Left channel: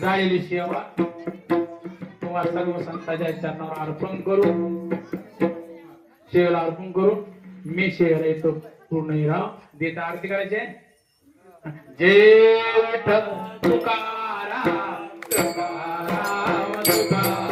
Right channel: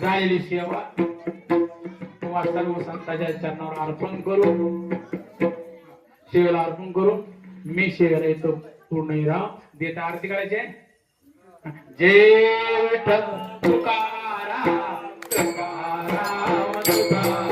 झालेली सेवा. तुम्हा सर्व संतांच्या चरणावर अर्पण करू शेवेला अर्पण करू मी शेवेला येतो. पूर्ण राव देत आरती करायचे जेठ तुकारा तुकारा तुकारा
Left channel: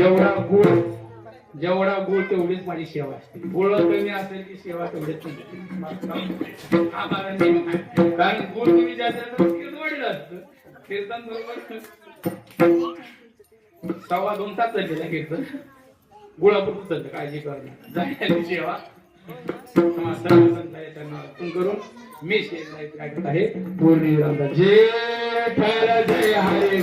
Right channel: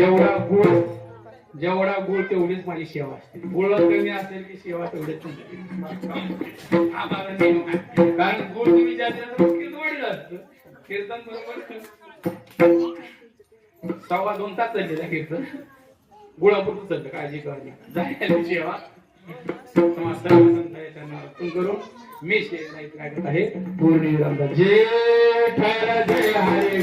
जेवढा गुळ जेवढा गुळ तेवढीच माझी सेवा असते गुळ कमी असेल की सेवा तेवढेच कारण गुळ कमी जास्त कीर्तन वाढलं असतं कीर्तन बरोबर सव्वा दोन तास चालले ना कीर्तन गुळापुरतं चालतं काळजी करणे जायला सेवा करून मी शेख आहे पूर्ण निरंतर. जे जय हरे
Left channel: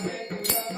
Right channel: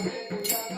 Hallelujah.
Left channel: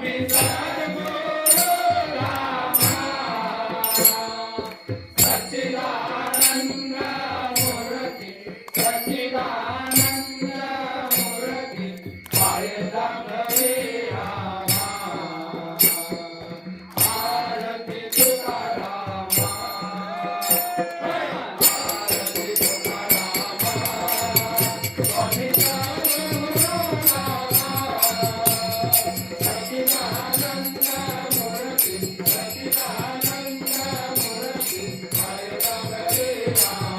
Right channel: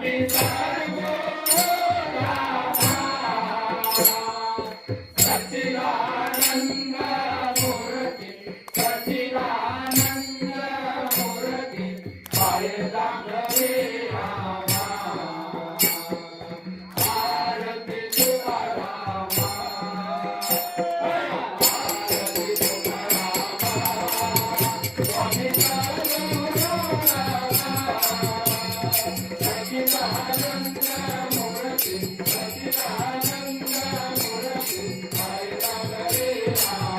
Happy Thanks. Aww.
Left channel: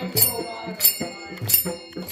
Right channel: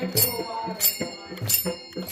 Thank you.